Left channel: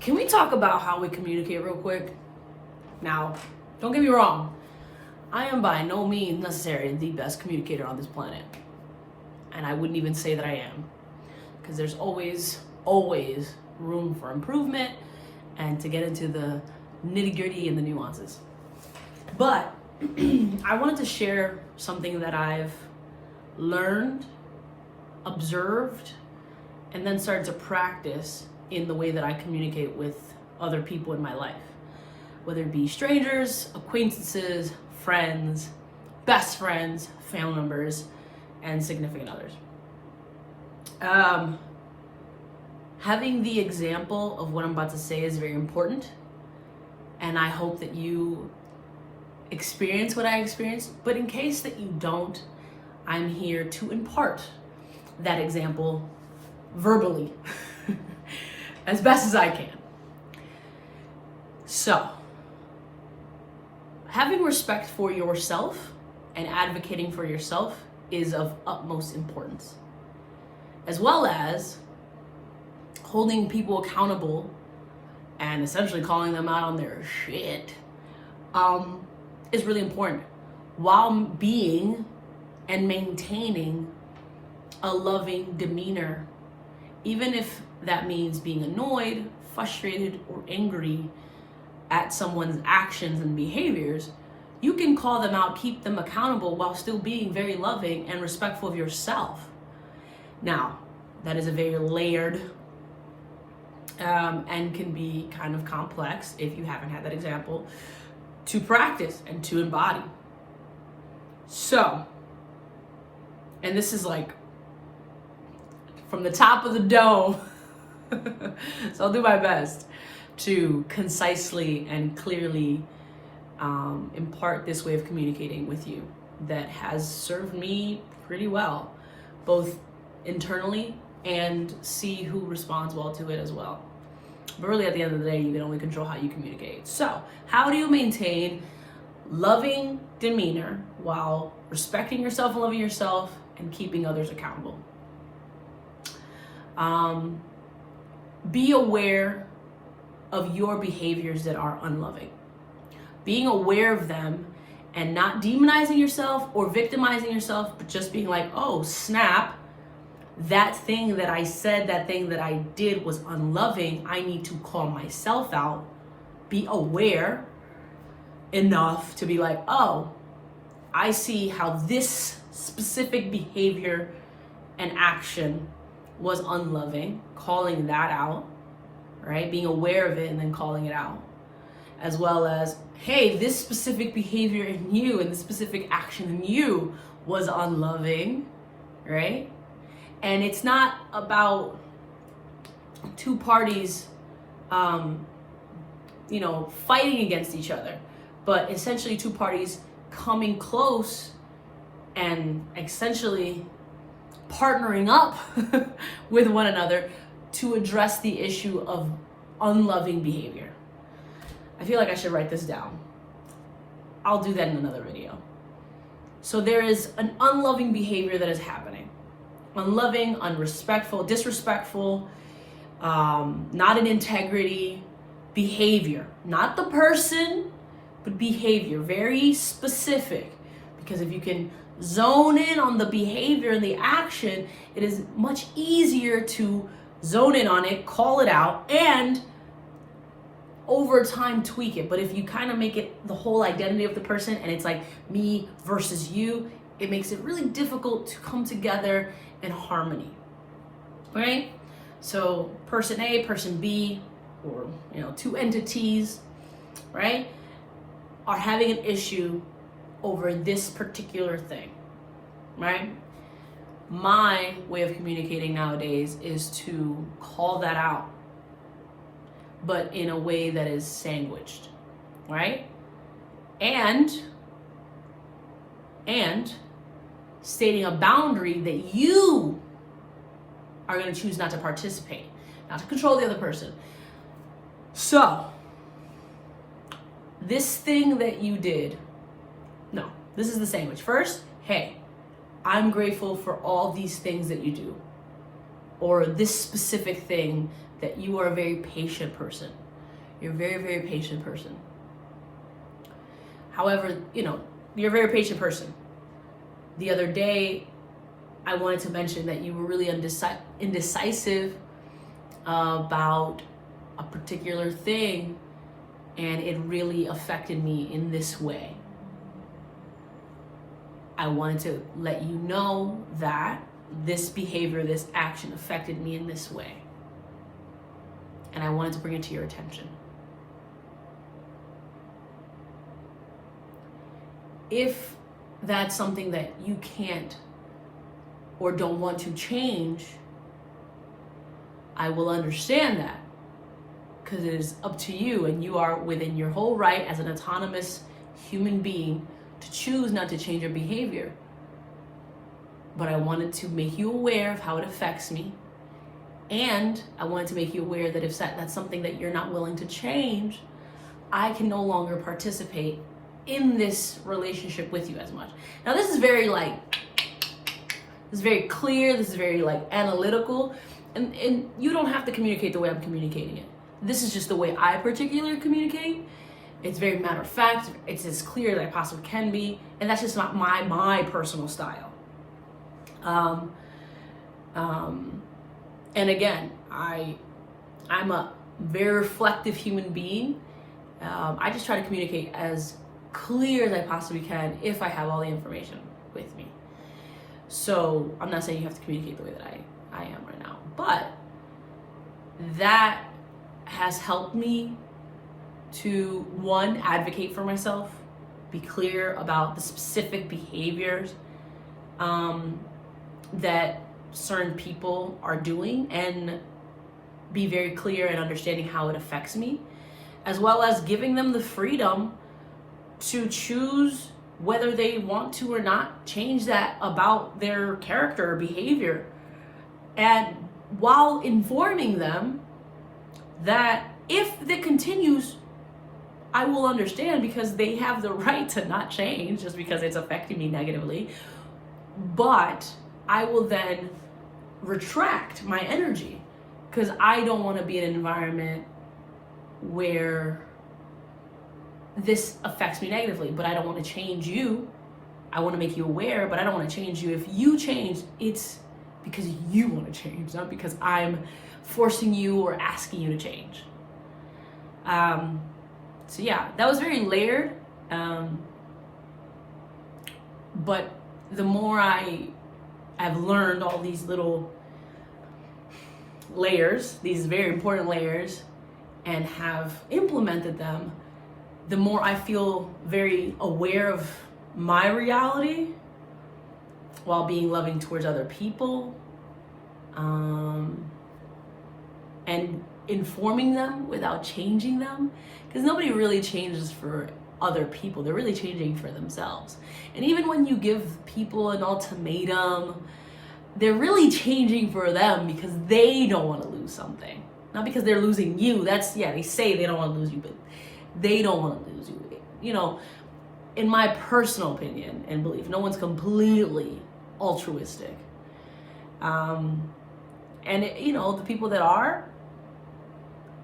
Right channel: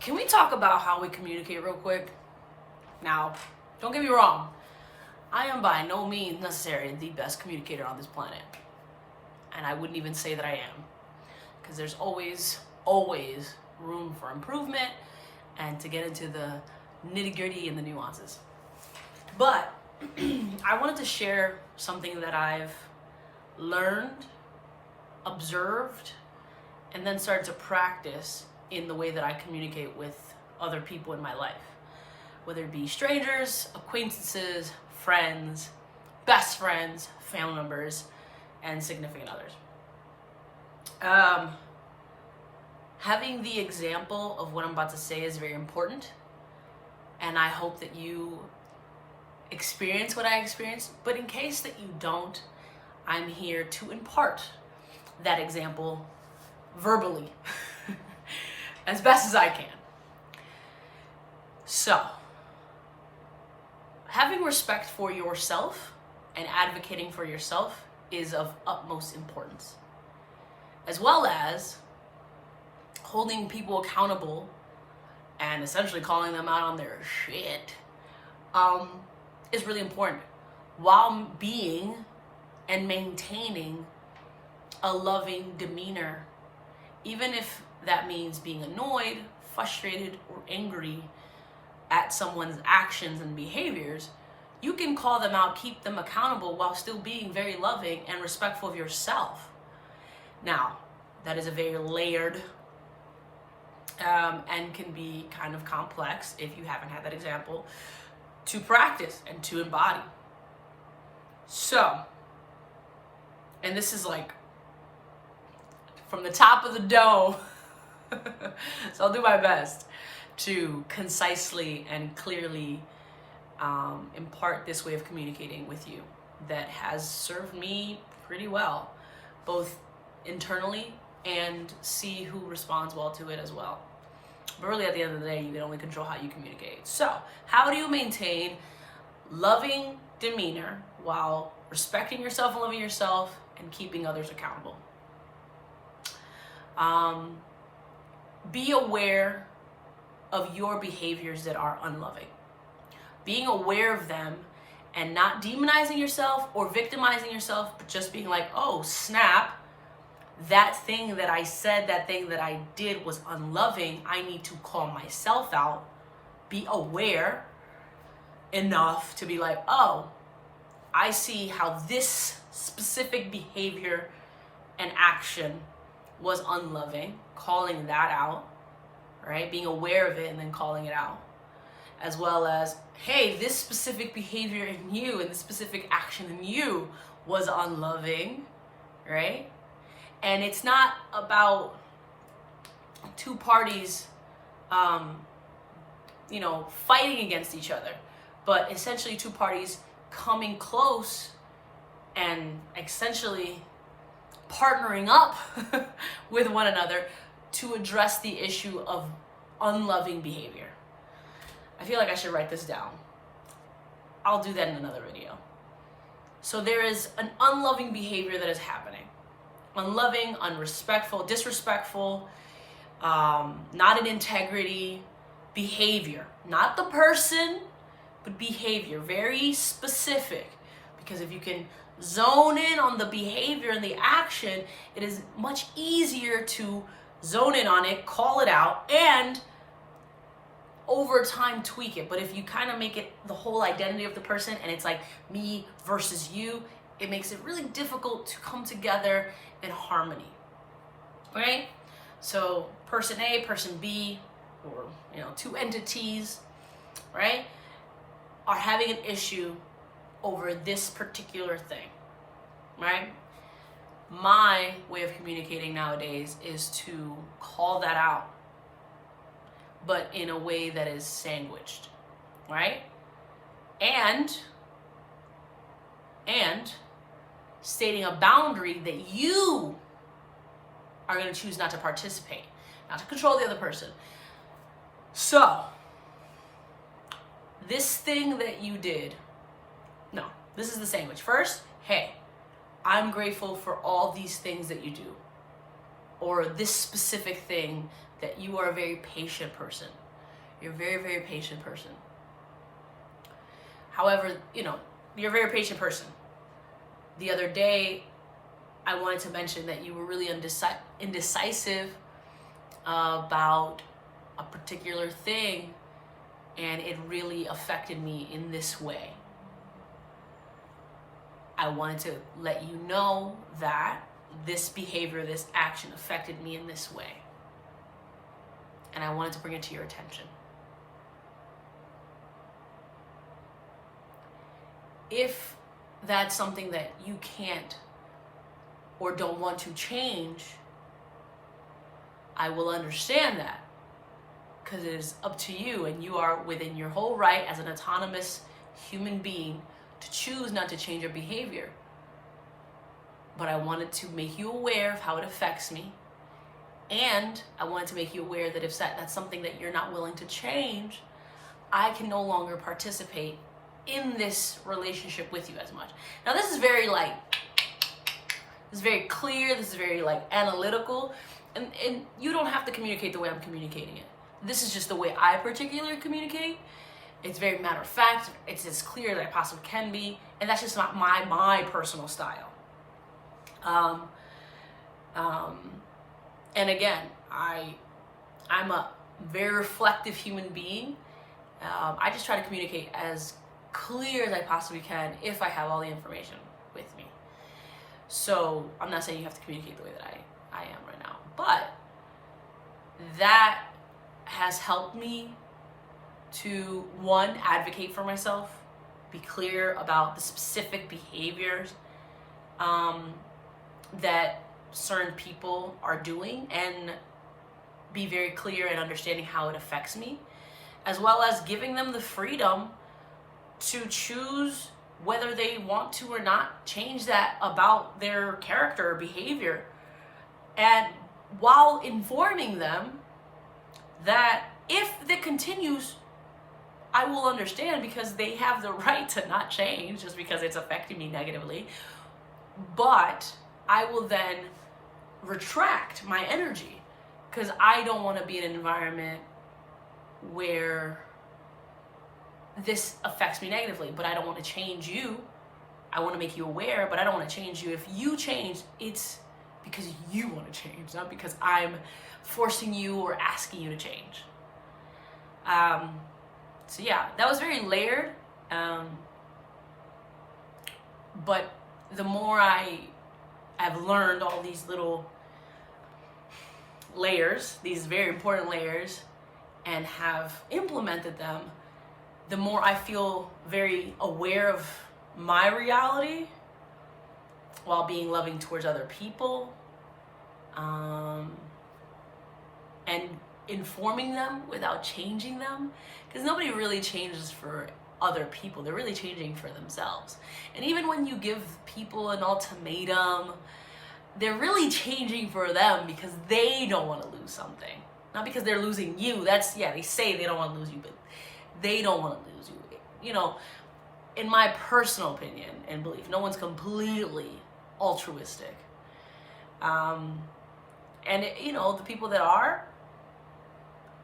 Can we talk about how we communicate real quick? Now, don't get me wrong. I am by no means necessarily the best communicator on this planet. And I wouldn't even say that I am. Because there's always room for improvement and to get into the nitty-gritty and the nuances. But I wanted to share something that I've learned, observed, and then started to practice in the way that I communicate with other people in my life. Whether it be strangers, acquaintances, friends, best friends, family members, and significant others. Having the example of what I'm about to say is very important, and I hope that you experience what I experienced, but in case that you don't, I'm here to impart that example verbally as best as I can. So, having respect for yourself and advocating for yourself is of utmost importance, as well as holding people accountable and essentially calling them out on their shit is really important, while being and maintaining a loving demeanor, even if that means being annoyed, frustrated, or angry at someone's actions and behaviors. You can call them out, keep them accountable, while still being very loving and respectful of yourself. Now, that is a very layered and can be kind of complex, if you haven't had that example, to practice and to embody. So, and this is like from the top of the dome, so I'll do my best to concisely and clearly impart this way of communicating with you that has served me pretty well, both internally and see who responds well to it as well. But really, at the end of the day, you can only control how you communicate. So, how do you maintain loving demeanor while respecting yourself and loving yourself and keeping others accountable? Be aware of your behaviors that are unloving. Being aware of them and not demonizing yourself or victimizing yourself, but just being like, oh, snap, that thing that I said, that thing that I did was unloving. I need to call myself out. Be aware enough to be like, oh, I see how this specific behavior and action was unloving, calling that out, right? Being aware of it and then calling it out. As well as, hey, this specific behavior in you and this specific action in you was unloving, right? And it's not about two parties, fighting against each other, but essentially two parties coming close and essentially partnering up with one another to address the issue of unloving behavior. I feel like I should write this down. I'll do that in another video. So there is an unloving behavior that is happening. Unloving, unrespectful, disrespectful, not in integrity behavior. Not the person, but behavior. Very specific. Because if you can zone in on the behavior and the action, it is much easier to zone in on it, call it out, and over time tweak it. But if you kind of make it the whole identity of the person and it's like me versus you, it makes it really difficult to come together in harmony, right? So person A, person B, or two entities, right, are having an issue over this particular thing, right? My way of communicating nowadays is to call that out, but in a way that is sandwiched, right? And stating a boundary that you are going to choose not to participate, not to control the other person. So, this thing that you did, no, this is the sandwich. First, hey, I'm grateful for all these things that you do. or this specific thing, that you are a very patient person. You're a very, very patient person. However, you're a very patient person. The other day, I wanted to mention that you were really indecisive about a particular thing, and it really affected me in this way. I wanted to let you know that this behavior, this action affected me in this way. And I wanted to bring it to your attention. If that's something that you can't or don't want to change, I will understand that, because it is up to you, and you are within your whole right as an autonomous human being to choose not to change your behavior. But I wanted to make you aware of how it affects me, and I wanted to make you aware that if that's something that you're not willing to change, I can no longer participate in this relationship with you as much. Now, this is very clear, this is very analytical, and you don't have to communicate the way I'm communicating it. This is just the way I particularly communicate. It's very matter of fact, it's as clear as I possibly can be, and that's just not my personal style. And again, I'm a very reflective human being. I just try to communicate as clear as I possibly can if I have all the information with me. So I'm not saying you have to communicate the way that I am right now, but that has helped me to, one, advocate for myself, be clear about the specific behaviors that certain people are doing, and be very clear in understanding how it affects me, as well as giving them the freedom to choose whether they want to or not change that about their character or behavior. And while informing them that if it continues, I will understand, because they have the right to not change just because it's affecting me negatively. But I will then retract my energy, because I don't want to be in an environment where this affects me negatively. But I don't want to change you. I want to make you aware, but I don't want to change you. If you change, it's because you want to change, not because I'm forcing you or asking you to change. So yeah, that was very layered. But the more I have learned all these little layers, these very important layers, and have implemented them, the more I feel very aware of my reality while being loving towards other people, and informing them without changing them, because nobody really changes for other people. They're really changing for themselves. And even when you give people an ultimatum, they're really changing for them because they don't want to lose something, not because they're losing you. They say they don't want to lose you, but they don't want to lose you. In my personal opinion and belief, no one's completely altruistic. And the people that are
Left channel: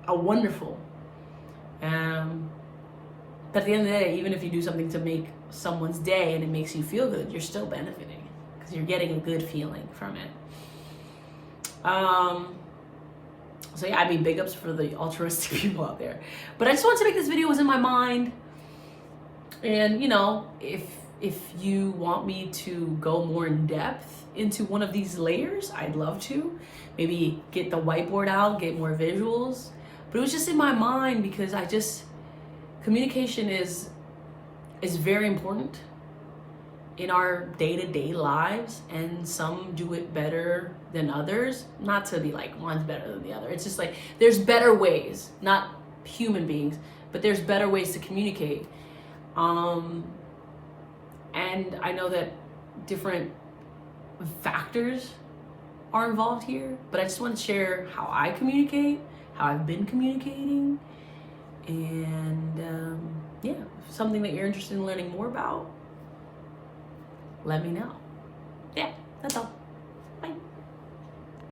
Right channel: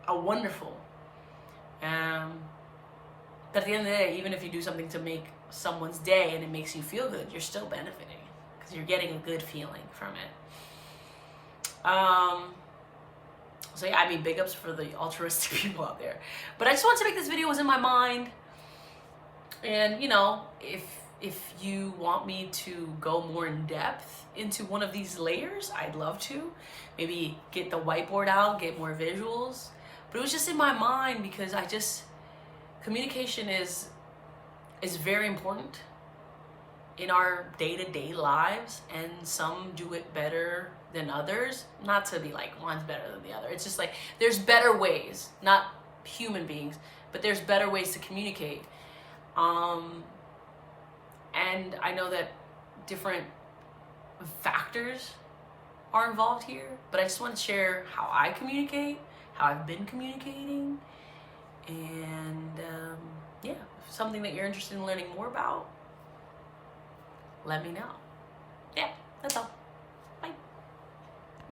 wonderful. But at the end of the day, even if you do something to make someone's day and it makes you feel good, you're still benefiting, because you're getting a good feeling from it. So yeah, big ups for the altruistic people out there. But I just wanted to make this video, it was in my mind. And if you want me to go more in depth into one of these layers, I'd love to. Maybe get the whiteboard out, get more visuals. But it was just in my mind, because communication is very important in our day-to-day lives, and some do it better than others. Not to be like one's better than the other. It's just there's better ways, not human beings, but there's better ways to communicate. And I know that different factors are involved here, but I just want to share how I communicate, how I've been communicating, and if something that you're interested in learning more about, let me know. Yeah, that's all.